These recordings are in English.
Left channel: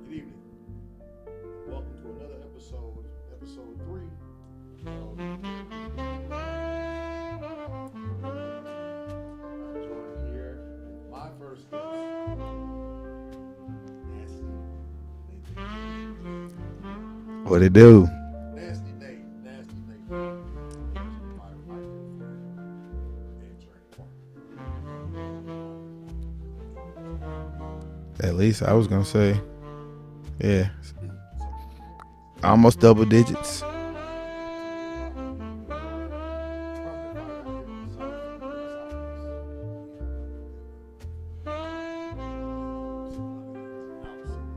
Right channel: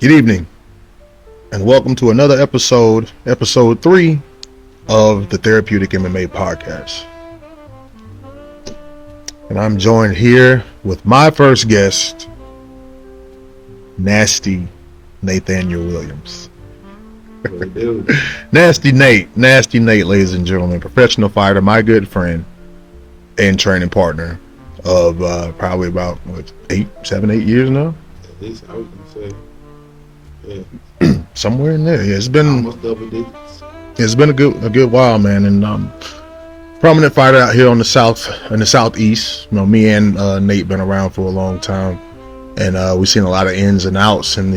Good evening, and welcome to another episode 3 of the Therapeutic MMA Podcast. And I'm joined here with my first guest, Nasty Nathanial Williams. What it do? Nasty Nate, ladies and gentlemen, professional fighter, my good friend and training partner of probably about 7, 8 years now. At least I was gonna say, yeah, somewhere in there. Yeah, it's been almost double digits. It's been a good while, man. And prominent fighter out here on the southeast. You know, me and Nate been around for a long time, and we've seen a lot of ins and outs in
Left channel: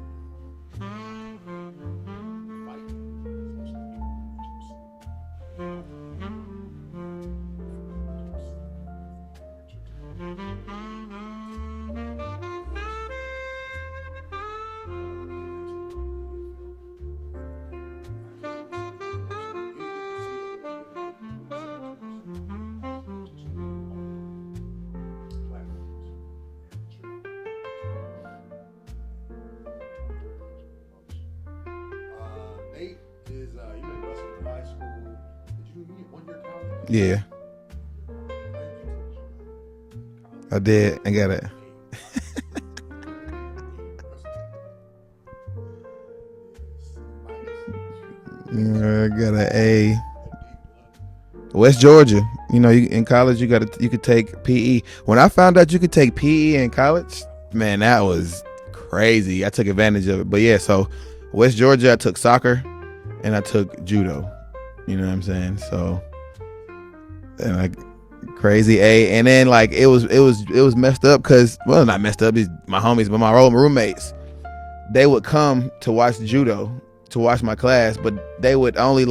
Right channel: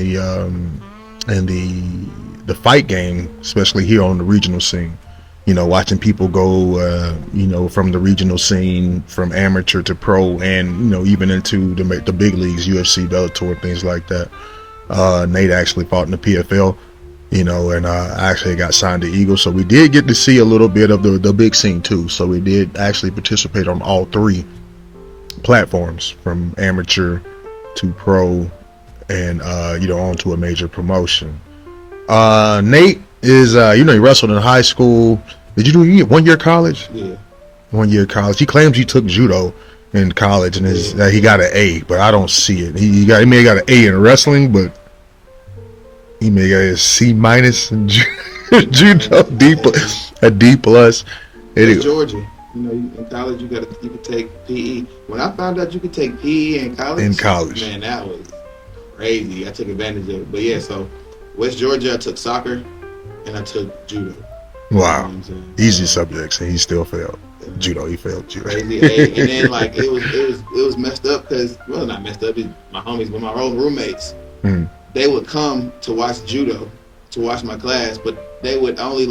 the fight game, especially here on the regional scene. You know, watching people go, from the regional scene, from amateur to pro, and even into the big leagues, UFC, Bellator, things like that. Nate actually fought in the PFL, and I actually got signed to Eagle, so we did get to see a little bit of the big scene too. So we did actually participate on all 3 platforms, from amateur to pro, and on to a major promotion. Nate is, he wrestled in high school. Did you do 1 year college? Yeah. 1 year college. He claims he took judo in college, and he got an A, but I don't see it. He may have got an A in wrestling, but he may have got a C- in judo, a D+. West Georgia. In college you could take PE. When I found out you could take PE in college, man, that was crazy. I took advantage of it. But yeah, so West Georgia, I took soccer and I took judo. Wow. You know what I'm saying? Easy subjects, and he still failed. Judo, he failed judo. Crazy A. And then it was messed up because, well, not messed up, my homies, but my old roommates, they would come to watch judo, to watch my class, but they would only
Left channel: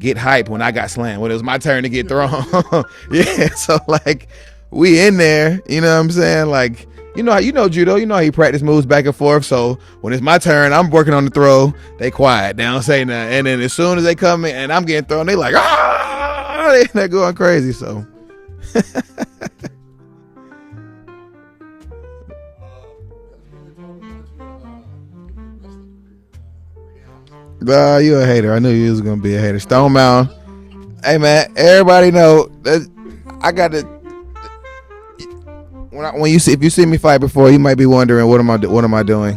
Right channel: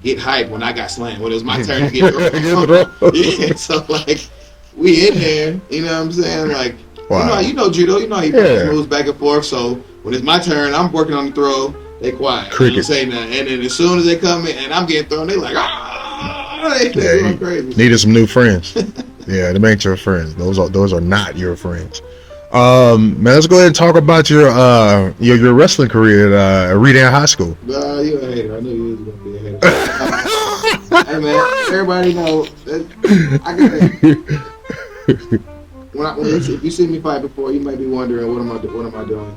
get hyped when I got slammed, when it was my turn to get thrown. Yeah, so we in there, you know what I'm saying? Wow. You know judo, you practice moves back and forth, so when it's my turn, I'm working on the throw, they quiet, they don't say nothing, and then as soon as they come in and I'm getting thrown, they they're going crazy. Needed some new friends. Yeah, them ain't your friends. Those are not your friends. Man, let's go ahead and talk about your wrestling career at Redan High School. You a hater. I knew you was gonna be a hater. Stone Mountain. Hey man, everybody know that I got it. If you see me fight before, you might be wondering what am I doing?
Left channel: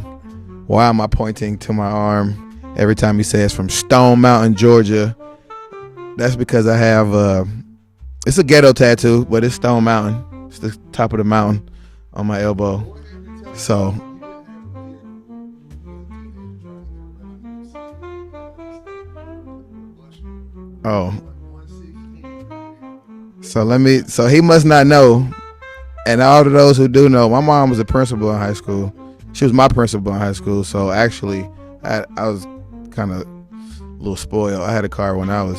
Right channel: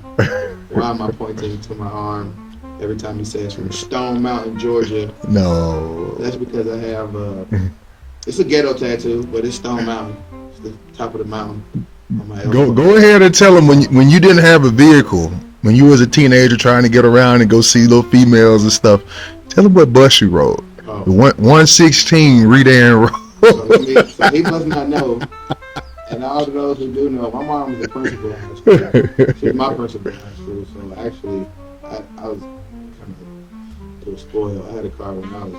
Why am I pointing to my arm every time he says from Stone Mountain, Georgia? No, that's because I have it's a ghetto tattoo, but it's Stone Mountain. It's the top of the mountain on my elbow. Go ahead and tell them when you didn't have a vehicle, when you was a teenager trying to get around and go see little females and stuff. Tell them what bus you rode. Oh, 116 Redan Road. So he must not know. And all of those who do know, my mom was a principal in high school. She was my principal in high school. So actually, I was kind of a little spoiled. I had a car when I was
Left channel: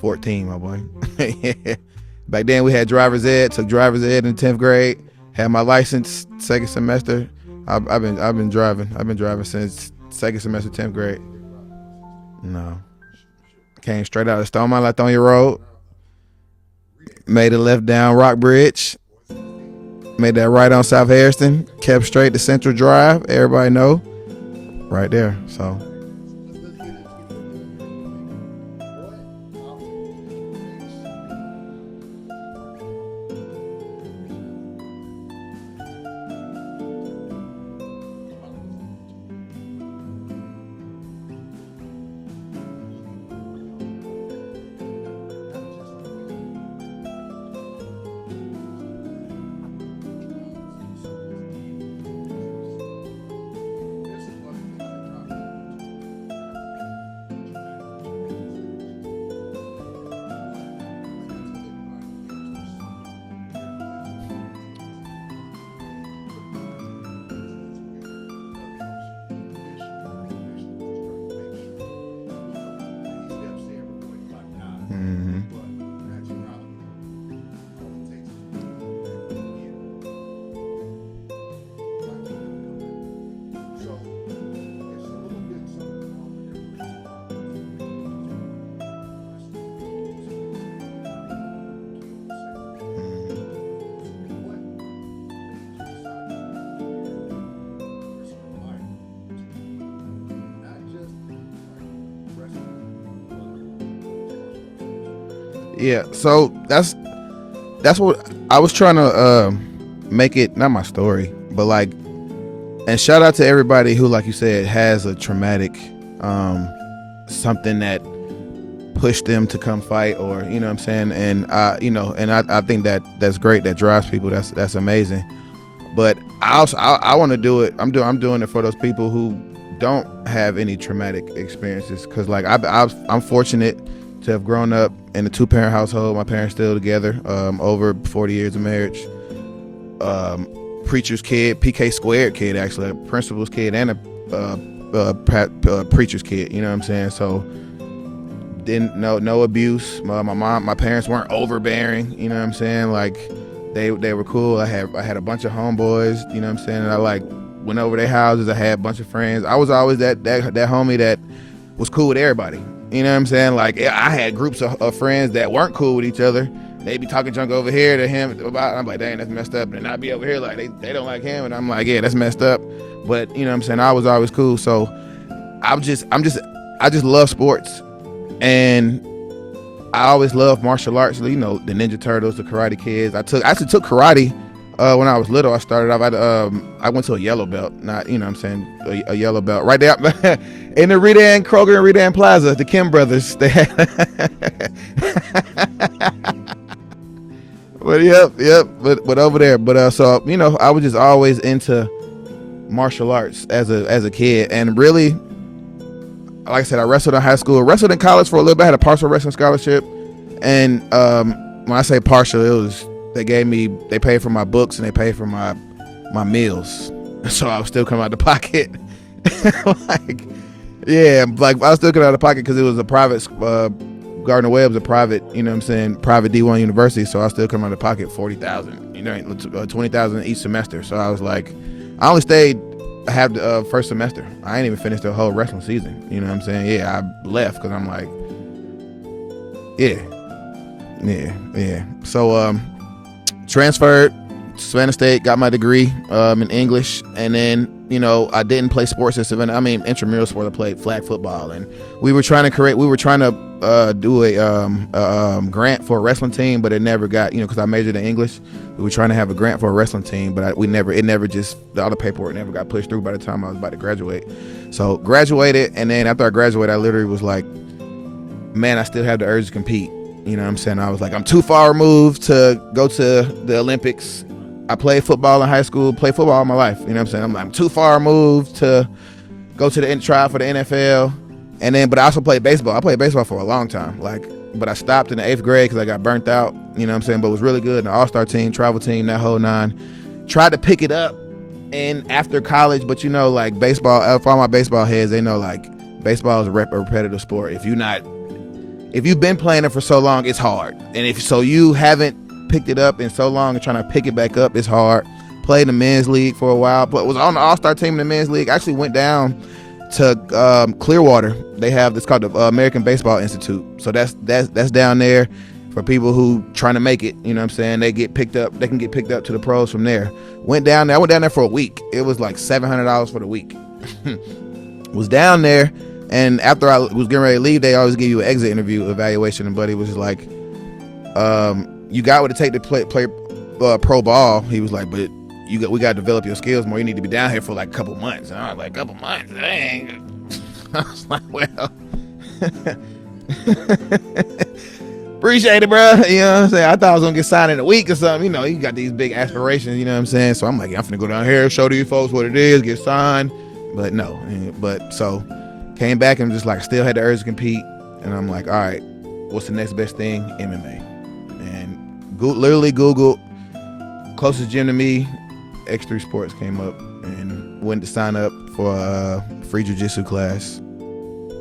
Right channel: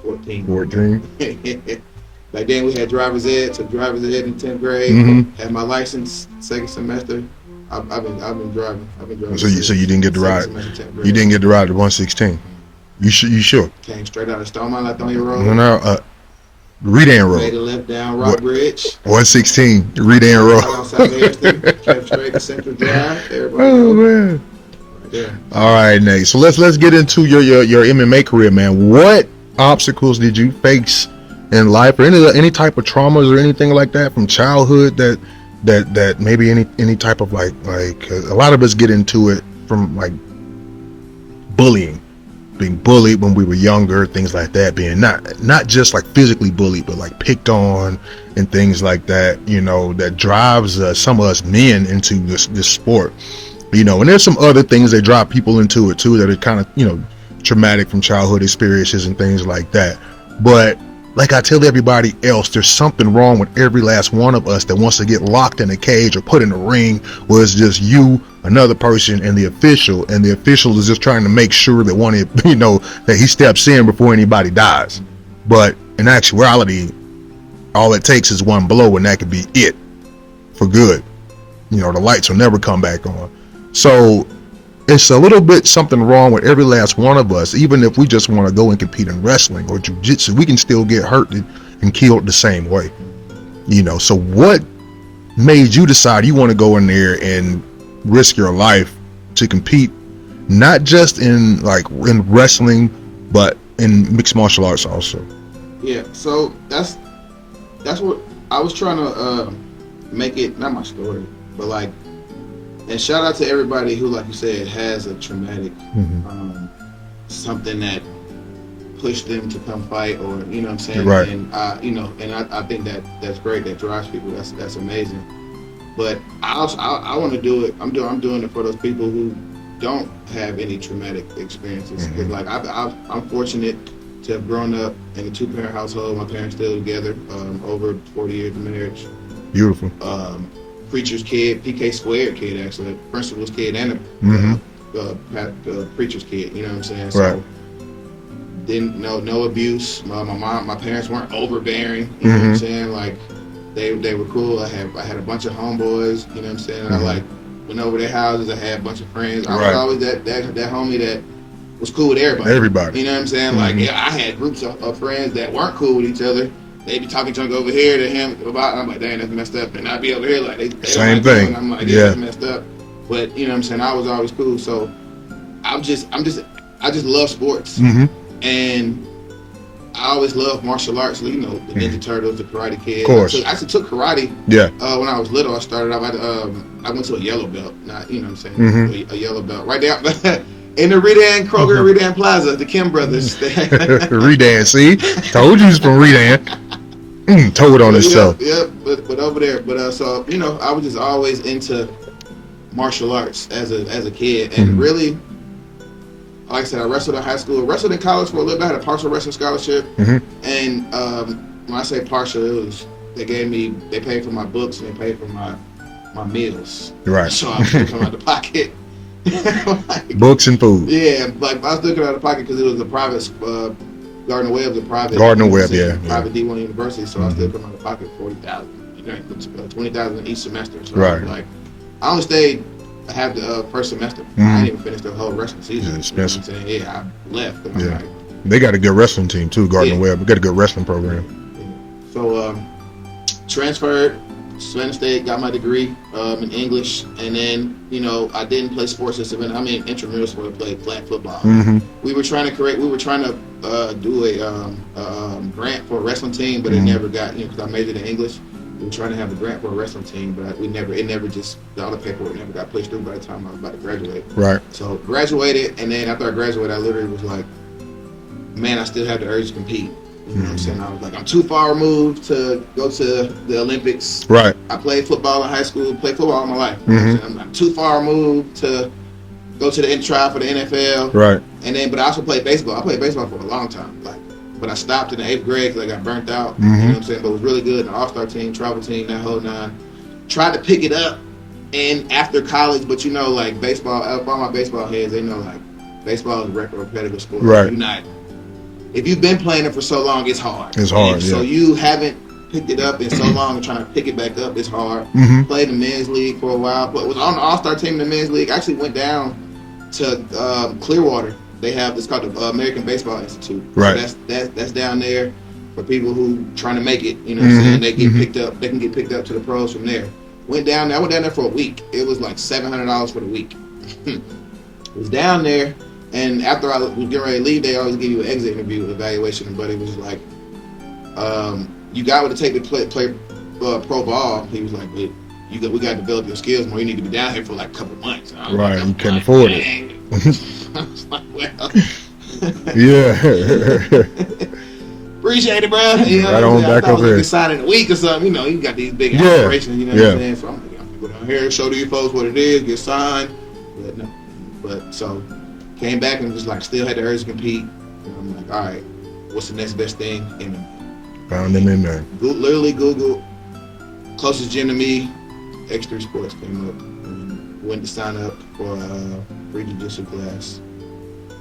14. 14? Back then we had driver's ed. Took driver's ed in 10th grade. Mm-hmm. Had my license second semester. I've been driving. So you didn't get to ride. Semester, 10th grade. You didn't get to ride the 116. No. You sure? Came straight out of Stone Mountain Nathanial Road. No, Redan Road. Made a left down Rock Bridge. 116 Redan Road. Right on South Harrison. Kept straight to Central Drive. Everybody know. Man. Right there. So. All right, Nate. So let's get into your MMA career, man. What obstacles did you face in life, or any type of traumas or anything like that from childhood that maybe any type of like a lot of us get into it from bullying. Being bullied when we were younger, things like that, being not just physically bullied, but picked on and things like that, that drives some of us men into this sport, and there's some other things that drive people into it too that are kind of, traumatic from childhood experiences and things like that. But like I tell everybody else, there's something wrong with every last one of us that wants to get locked in a cage or put in a ring where it's just you, another person, and the official is just trying to make sure that that he steps in before anybody dies. Mm-hmm. But in actuality, all it takes is one blow, and that could be it for good. The lights will never come back on. So it's a little bit something wrong with every last one of us. Even if we just want to go and compete in wrestling or jiu-jitsu, we can still get hurt and killed the same way. So what made you decide you want to go in there and risk your life to compete, not just in wrestling, but in mixed martial arts also? Yeah, so that's what I was trying to make it, not my story, but like, and shout out to everybody who, like you said, has a traumatic something that pushed them to come fight, or you know what I'm saying, right. And I think that's great, that drives people, that's amazing. But I want to do it. I'm doing it for those people who don't have any traumatic experiences, because like I'm fortunate to have grown up in a 2-parent household. My parents still together, over 40 years of marriage. Beautiful. Preacher's kid, PK squared kid, actually, a principal's kid and a preacher's kid. You know what I'm saying? So right. didn't no abuse. My parents weren't overbearing. You know what I'm saying? Like they were cool. I had a bunch of homeboys. You know what I'm saying? And I like went over their houses. I had a bunch of friends. I was always that homie that was cool with everybody. You know what I'm saying? Like, yeah, I had groups of friends that weren't cool with each other. They'd be talking junk over here to him about, and I'm like, dang, that's messed up. And I'd be over here like, they same like thing. And I'm like, yeah, that's messed up. But you know what I'm saying? I was always cool. So I just love sports. And I always loved martial arts. You know, the Ninja Turtles, the Karate Kid. Of course. I actually took karate. Yeah. When I was little, I started off. I went to a yellow belt. Not, you know what I'm saying, a yellow belt right there in the Redan Kroger and Redan Plaza. The Kim brothers. Redan, see, told you was from Redan. Told on himself. Yep. But over there. But so you know, I was just always into martial arts as a kid, and really. Like I said, I wrestled in high school, wrestled in college for a little bit. I had a partial wrestling scholarship, and when I say partial, it was they paid for my books and they paid for my meals. Right. So I was still coming out of the pocket. Like, books and food. Yeah, like I was still coming out of the pocket because it was a private Gardner Webb's a private private D1 university. So I still come out of the pocket $40,000, you know, $20,000 each semester. So I was like, I only stayed. I have the first semester. I ain't even finished the whole wrestling season. You know what I'm saying? Yeah, I left because I'm like... They got a good wrestling team too, Gardner Webb. We got a good wrestling program. Yeah. So, transferred to Savannah State, got my degree in English, and then, you know, I didn't play sports in Savannah. I mean, intramural sport, I played flag football. We were trying to do a grant for a wrestling team, but it never got, you know, because I majored in English. We were trying to have a grant for a wrestling team, but all the paperwork never got pushed through by the time I was about to graduate. Right. So graduated, and then after I graduated, I literally was like, man, I still have the urge to compete. You know what I'm saying? I was like, I'm too far removed to go to the Olympics. Right. I played football in high school, played football all my life. You know what I'm saying? I'm like, I'm too far removed to go to the trial for the NFL. Right. And then, but I also played baseball. I played baseball for a long time. But I stopped in the 8th grade because I got burnt out. You know what I'm saying? But it was really good. In the all-star team, travel team, that whole nine. Tried to pick it up after college, but you know, like baseball, for all my baseball heads, they know like baseball is a repetitive sport. Right. If you've been playing it for so long, it's hard. So you haven't picked it up in so long and trying to pick it back up, it's hard. Played the men's league for a while, but was on the all-star team in the men's league. Actually went down to Clearwater. They have this called the American Baseball Institute. Right. So that's down there for people who trying to make it. You know what I'm saying? They get picked up. They can get picked up to the pros from there. Went down there. I went down there for a week. It was like $700 for the week. Was down there, and after I was getting ready to leave, they always give you an exit interview evaluation. And Buddy was like, "You got what it take to play pro ball." He was like, "But we got to develop your skills more. You need to be down here for like a couple months." And I was like, you can't afford it. I was like, well, yeah. Appreciate it, bro. You know what I'm saying? I thought I was going to get signed in a week or something. You know, you got these big aspirations, you know what I'm saying? So I'm like, I'm finna go down here, show these folks what it is, get signed. But no. But so came back and just like still had the urge to compete. And I'm like, all right, what's the next best thing? MMA. Found MMA. Literally Googled closest gym to me, X3 Sports came up. Went to sign up for a free jiu-jitsu class,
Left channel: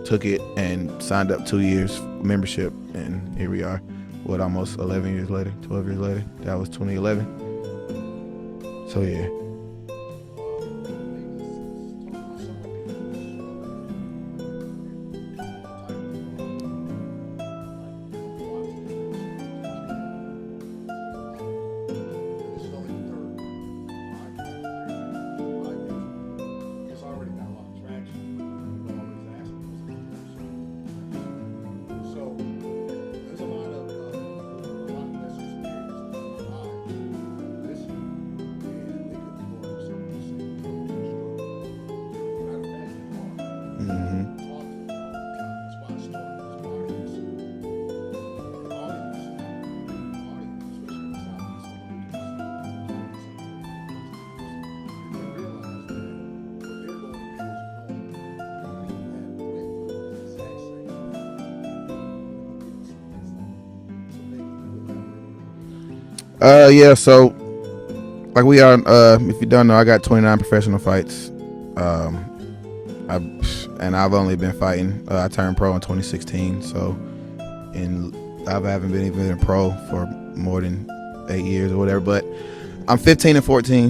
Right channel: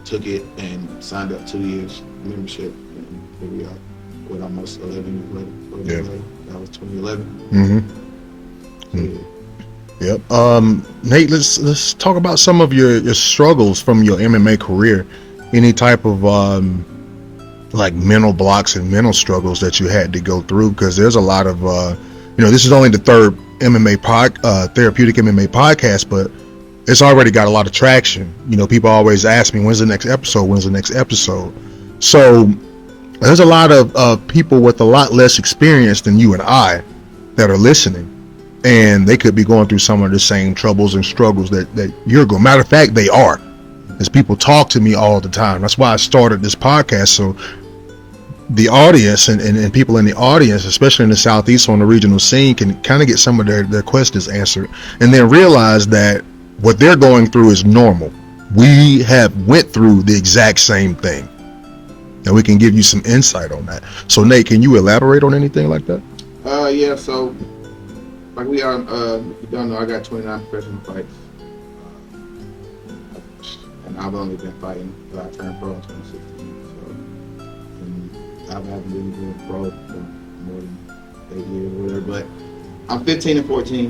took it and signed up 2 years membership, and here we are, almost 11 years later, 12 years later. That was 2011. So yeah. Yep. Nate, let's talk about some of your struggles from your MMA career. Any type of like mental blocks and mental struggles that you had to go through, because there's a lot of this is only the third MMA Therapeutic MMA podcast, but it's already got a lot of traction. You know, people always ask me, when's the next episode? When's the next episode? So there's a lot of people with a lot less experience than you and I that are listening, and they could be going through some of the same troubles and struggles that you're going. Matter of fact, they are. As people talk to me all the time. That's why I started this podcast, so the audience and people in the audience, especially in the Southeast on the regional scene, can kind of get some of their questions answered, and then realize that what they're going through is normal. We have went through the exact same thing, and we can give you some insight on that. So Nate, can you elaborate on anything like that? Yeah, so like we are, if you don't know, I got 29 professional fights. I've only been fighting. I turned pro in 2016, so I haven't been even a pro for more than 8 years or whatever. But I'm 15 and 14,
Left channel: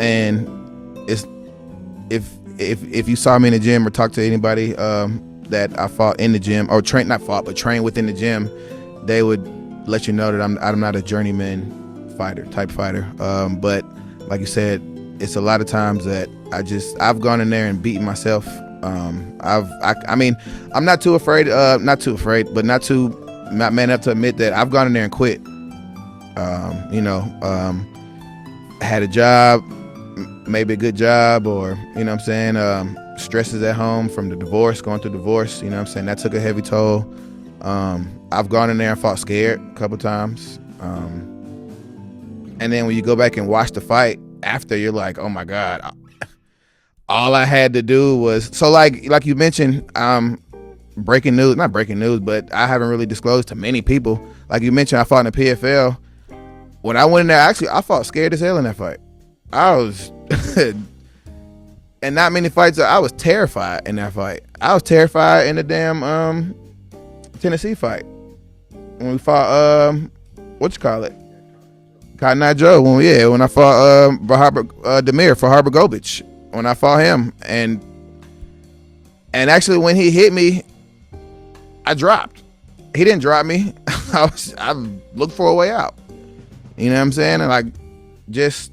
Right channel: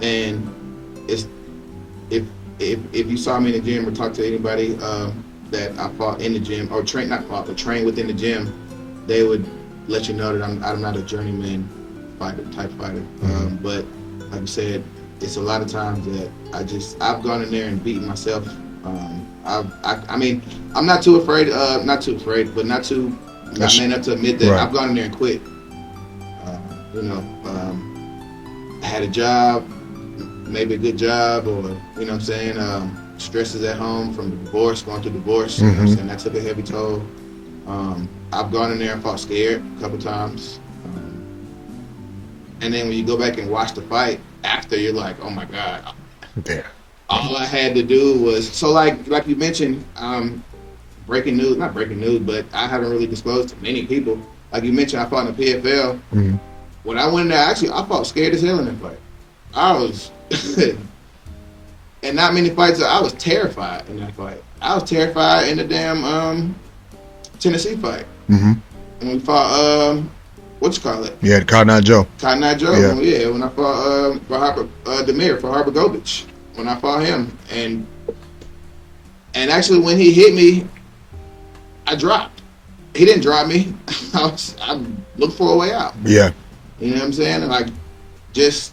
and it's if you saw me in the gym or talked to anybody that I fought in the gym or trained within the gym, they would let you know that I'm not a journeyman type fighter. But like you said, it's a lot of times that I've gone in there and beaten myself. I mean, I'm not man up to admit that. Right. I've gone in there and quit. Had a job, maybe a good job, or you know what I'm saying, stresses at home from the divorce, going through divorce. You know what I'm saying, that took a heavy toll. I've gone in there and fought scared a couple times. And then when you go back and watch the fight after, you're like, oh my God. Yeah. All I had to do was, so like you mentioned, not breaking news, but I haven't really disclosed to many people. Like you mentioned, I fought in the PFL. When I went in there, actually, I fought scared as hell in that fight. I was, and not many fights, I was terrified in that fight. I was terrified in the damn Tennessee fight. When we fought, what you call it? Yeah, Cotton Eye Joe. Cotton Eye Joe. Yeah. When I fought Demir for Harbogovich. When I fought him, and actually when he hit me, I dropped. He didn't drop me. I looked for a way out. Yeah. You know what I'm saying? And like, it's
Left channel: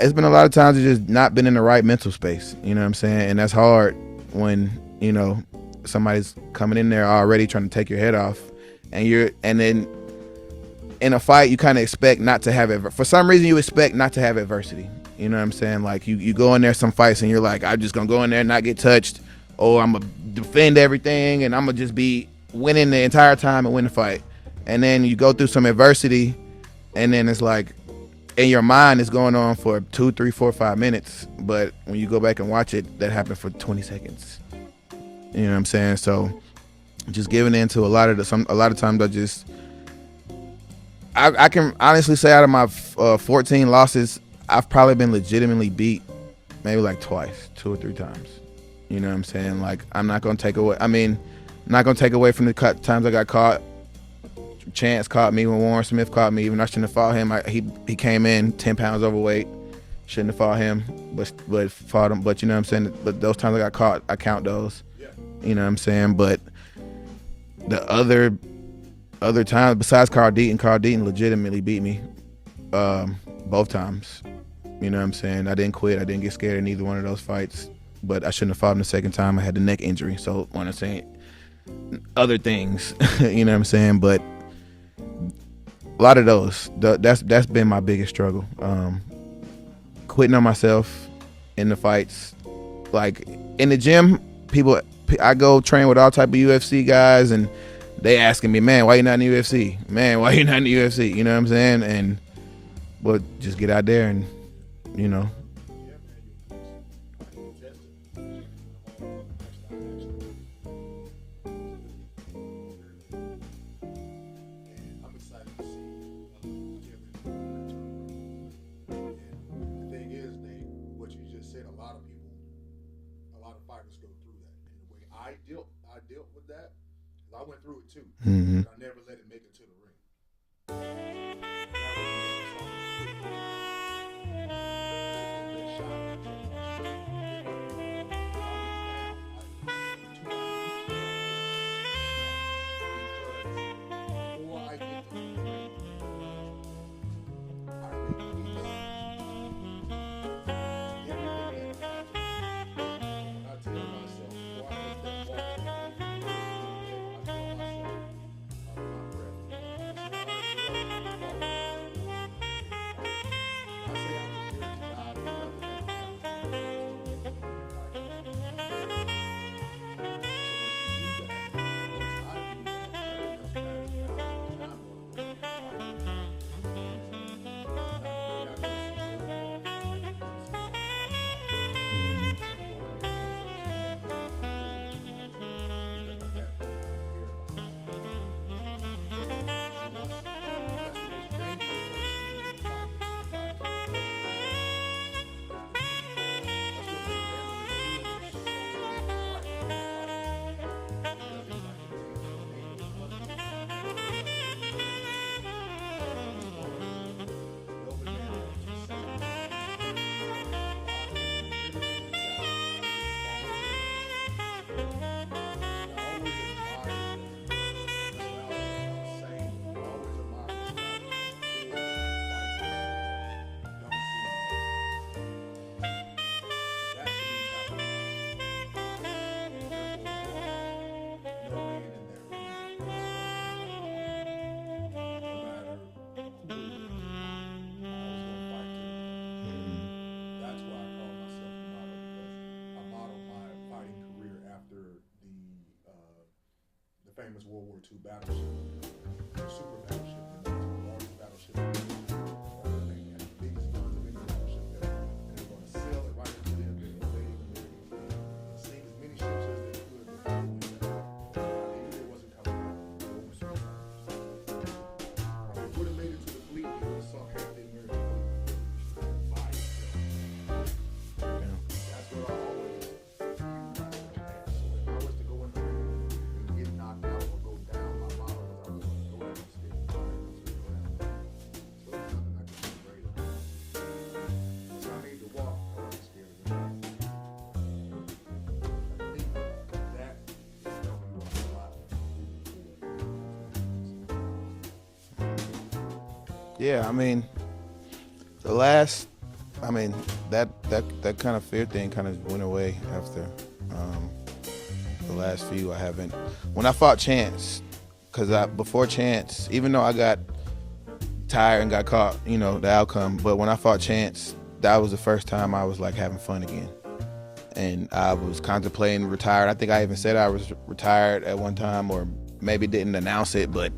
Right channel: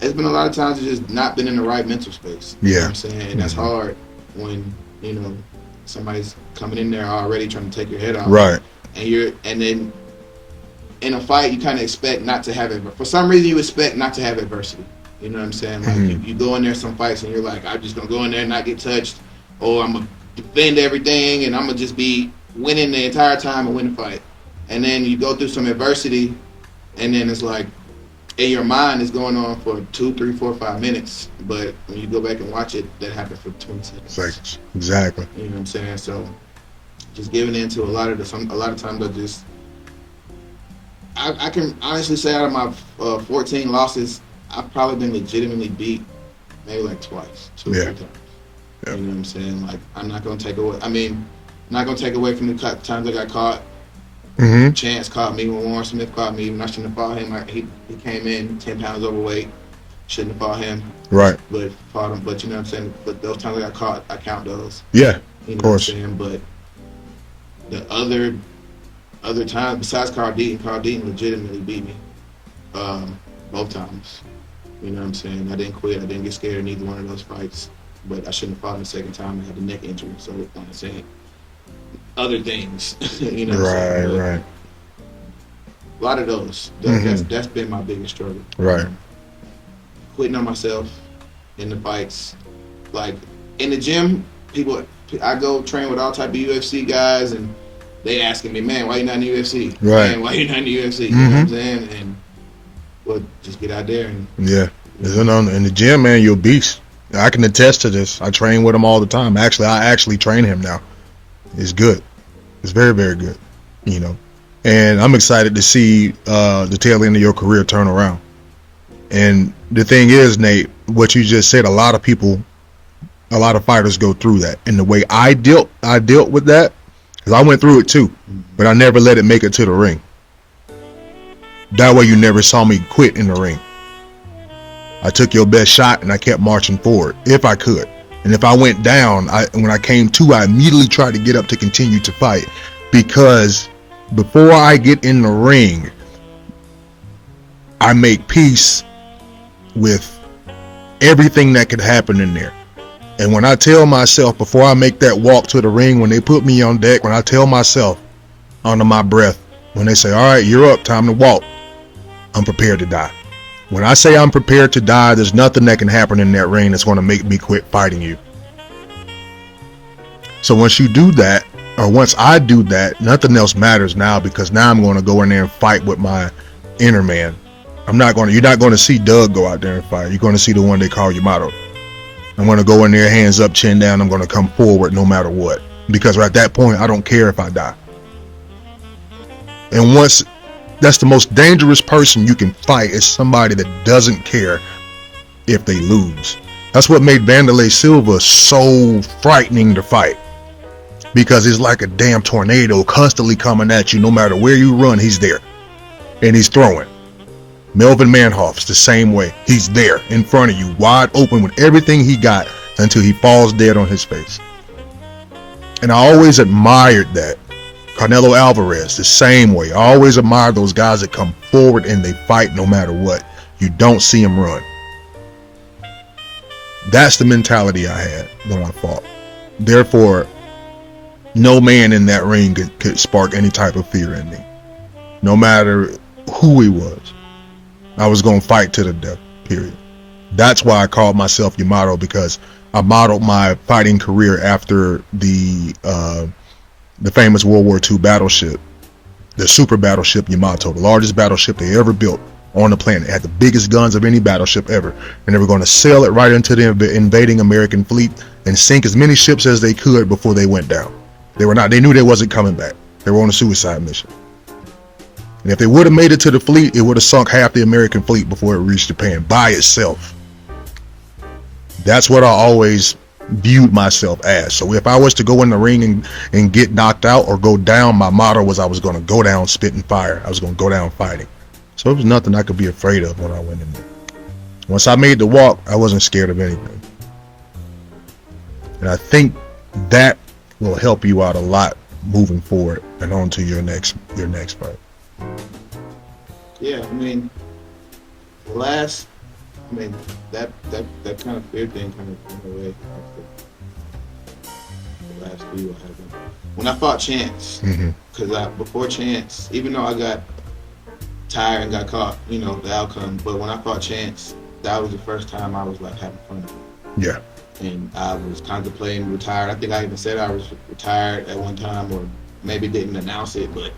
been a lot of times I've just not been in the right mental space. You know what I'm saying? And that's hard when, you know, somebody's coming in there already trying to take your head off. Right. And then in a fight, you kind of expect not to have for some reason you expect not to have adversity. You know what I'm saying? Like you go in there some fights and you're like, I'm just gonna go in there and not get touched, or I'm gonna defend everything and I'm gonna just be winning the entire time and win the fight. And then you go through some adversity, and then it's like in your mind it's going on for 2, 3, 4, 5 minutes, but when you go back and watch it, that happened for 20 seconds. Exactly. You know what I'm saying? So just giving in to a lot of times I can honestly say out of my 14 losses, I've probably been legitimately beat maybe like twice, 2 or 3 times. You know what I'm saying? Like, I'm not going to take away. I mean, not going to take away from the times I got caught. Chance caught me when Warren Smith caught me. Even I shouldn't have fought him. He came in 10 pounds overweight. Shouldn't have fought him. Right. But fought him. But you know what I'm saying? But those times I got caught, I count those. Yeah. You know what I'm saying? But the other times, besides Carl Deaton legitimately beat me both times. You know what I'm saying? I didn't quit. I didn't get scared in either one of those fights. But I shouldn't have fought him the second time. I had the neck injury. So when I say other things, you know what I'm saying? But a lot of those. That's been my biggest struggle. Right. Quitting on myself in the fights. Like in the gym, I go train with all type of UFC guys, and they asking me, man, why you not in the UFC? Right. Man, why you not in the UFC? You know what I'm saying? And just get out there and in the gym, man, you're a beast. I can attest to this. I train with him all the time. I actually train him now. It's good. It's very, very good. You know, and I'm excited to see the tail end of your career turn around. And the thing is, Nate, what you just said, a lot of fighters go through that. And the way I dealt with that, because I went through it too, but I never let it make it to the ring. That way you never saw me quit in the ring. I took your best shot and I kept marching forward if I could. And if I went down, when I came to, I immediately tried to get up to continue to fight, because before I get in the ring, I make peace with everything that could happen in there. And when I tell myself before I make that walk to the ring, when they put me on deck, when I tell myself under my breath, when they say, all right, you're up, time to walk, I'm prepared to die. When I say I'm prepared to die, there's nothing that can happen in that ring that's going to make me quit fighting you. So once you do that, or once I do that, nothing else matters now, because now I'm going to go in there and fight with my inner man. You're not going to see Doug go out there and fight. You're going to see the one they call Yamato. I'm going to go in there, hands up, chin down. I'm going to come forward no matter what. Because at that point, I don't care if I die. And once, that's the most dangerous person you can fight, is somebody that doesn't care if they lose. That's what made Wanderlei Silva so frightening to fight. Because it's like a damn tornado constantly coming at you. No matter where you run, he's there. And he's throwing. Melvin Manhoef's the same way. He's there in front of you, wide open with everything he got, until he falls dead on his face. And I always admired that. Canelo Alvarez, the same way. I always admire those guys that come forward and they fight no matter what. You don't see them run. That's the mentality I had when I fought. Therefore, no man in that ring could spark any type of fear in me. No matter who he was. I was going to fight to the death, period. That's why I called myself Yamato, because I modeled my fighting career after the famous World War II battleship, the super battleship Yamato, the largest battleship they ever built on the planet. It had the biggest guns of any battleship ever, and they were going to sail it right into the invading American fleet and sink as many ships as they could before they went down. They knew they wasn't coming back. They were on a suicide mission. And if they would have made it to the fleet, it would have sunk half the American fleet before it reached Japan by itself. That's what I always viewed myself as. So if I was to go in the ring and get knocked out or go down, my motto was I was going to go down spitting fire. I was going to go down fighting. So it was nothing I could be afraid of when I went in there. Once I made the walk, I wasn't scared of anything. And I think that will help you out a lot moving forward and on to your next fight. Yeah, I mean, that kind of fear thing kind of went away after the last few. I haven't. When I fought Chance, because before Chance, even though I got tired and got caught, the outcome, but when I fought Chance, that was the first time I was like having fun again. Yeah. And I was contemplating retired. I think I even said I was retired at one time, or maybe didn't announce it, but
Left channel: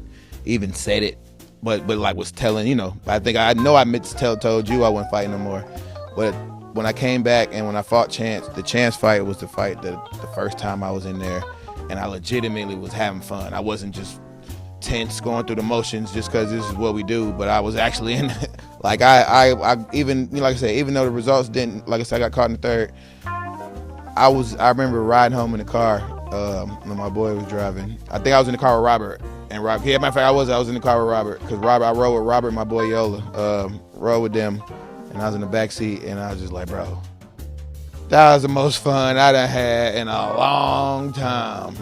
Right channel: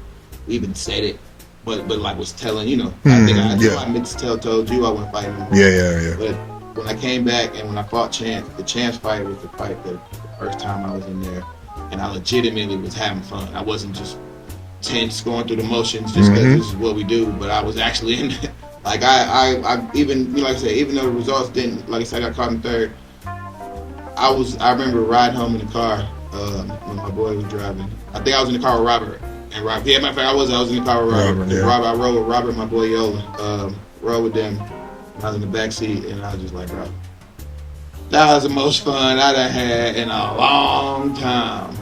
even said it. But like was telling, I think I know I meant to told you I wasn't fighting no more. Yeah. But when I came back and when I fought Chance, the Chance fight was the fight the first time I was in there, and I legitimately was having fun. I wasn't just tense going through the motions just because this is what we do, but I was actually in it. Like I even, like I said, even though the results didn't, like I said, I got caught in third. I remember riding home in the car when my boy was driving. I think I was in the car with Robert. And Robert, matter of fact, I was in the car with Robert. Yeah. I rode with Robert, my boy Yola, rode with them, and I was in the back seat, and I was just like, bro, that was the most fun I done had in a long time.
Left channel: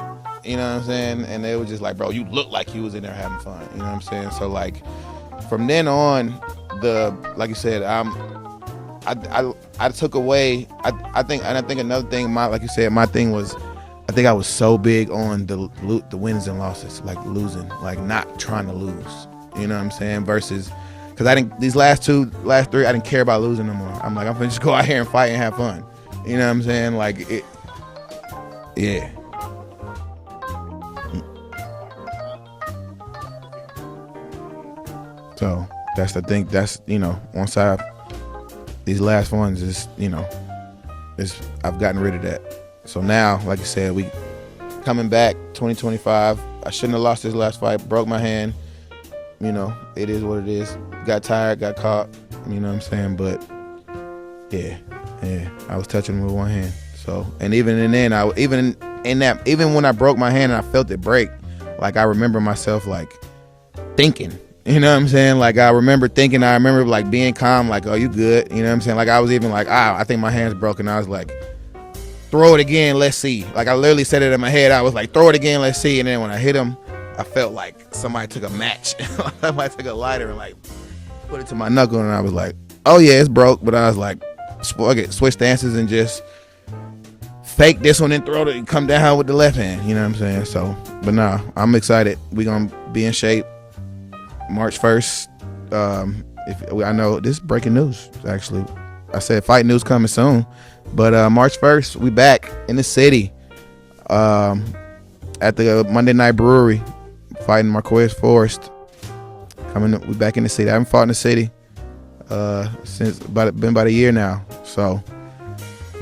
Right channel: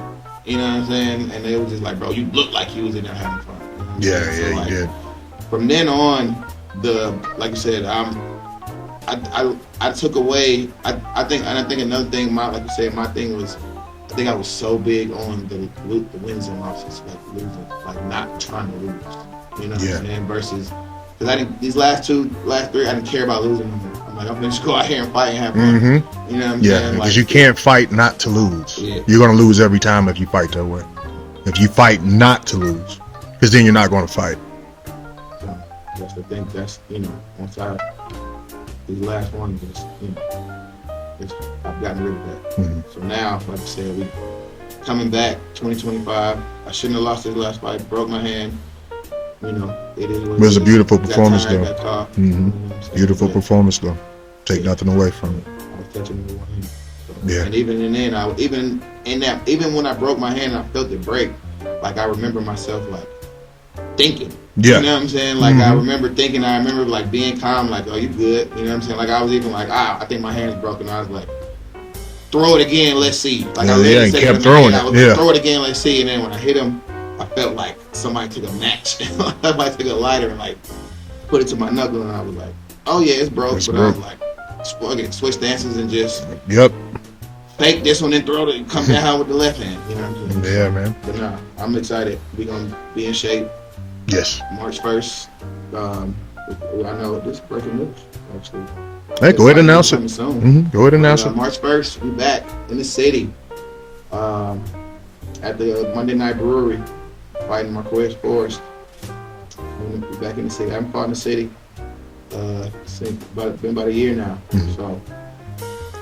You know what I'm saying? And they were just like, bro, you look like you was in there having fun. You know what I'm saying? So like, from then on, like you said, I took away. I think another thing, like you said, my thing was, I think I was so big on the wins and losses, like losing, like not trying to lose. You know what I'm saying? Versus, because I didn't, these last three, I didn't care about losing no more. I'm like, I'm gonna just go out here and fight and have fun. You know what I'm saying? Because you can't fight not to lose. Yeah. You're gonna lose every time if you fight to win. If you fight not to lose, because then you're not gonna fight. So that's the thing. That's once these last ones is I've gotten rid of that. So now, like I said, we coming back 2025. I shouldn't have lost this last fight. Broke my hand. It is what it is. It was a beautiful performance, got tired, got caught. You know what I'm saying? Beautiful performance, though. Take nothing away from it. I was touching with one hand. So and even then, even when I broke my hand and I felt it break, like I remember myself like thinking. You know what I'm saying? Like I remember thinking, I remember like being calm, like, oh, you good? You know what I'm saying? Like I was even like, I think my hand's broken. I was like, throw it again, let's see. Like I literally said it in my head. I was like, throw it again, let's see. And then when I hit him, I felt like somebody took a match. Somebody took a lighter and like put it to my knuckle, and I was like, oh yeah, it's broke. But I was like, switch stances and just fake this one and throw it and come down with the left hand. You know what I'm saying? Yeah, man. But nah, I'm excited. We're gonna be in shape. Yes. March 1st. I know this is breaking news. Actually, Go ahead and announce it. Coming soon. Mm-hmm. Go ahead and announce it. March 1st, we back in the city. At the Monday Night Brewery, fighting Marquez Forrest. We back in the city. I haven't fought in the city since been about a year now. Mm-hmm. So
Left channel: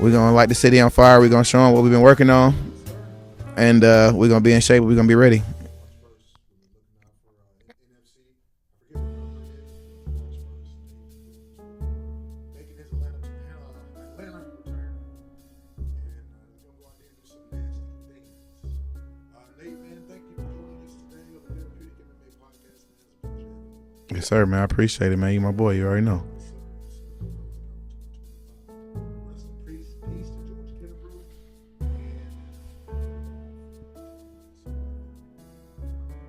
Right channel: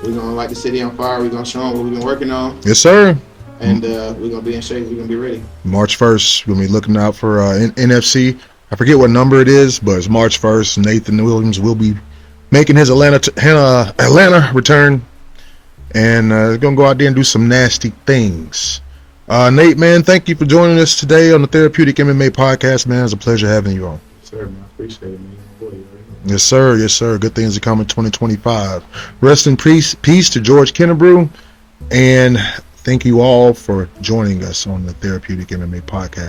we're gonna light the city on fire. We're gonna show them what we've been working on. Yes, sir. And we're gonna be in shape. We're gonna be ready. March 1st, we'll be looking out for NFC. I forget what number it is, but it's March 1st. Nathan Williams will be making his Atlanta return, and gonna go out there and do some nasty things. Nate, man, thank you for joining us today on the Therapeutic MMA Podcast, man. It's a pleasure having you on. Yes, sir, man. I appreciate it, man. You my boy. You already know. Yes, sir. Yes, sir. Good things are coming 2025. Rest in peace to George Kennebrew, and thank you all for joining us on the Therapeutic MMA Podcast.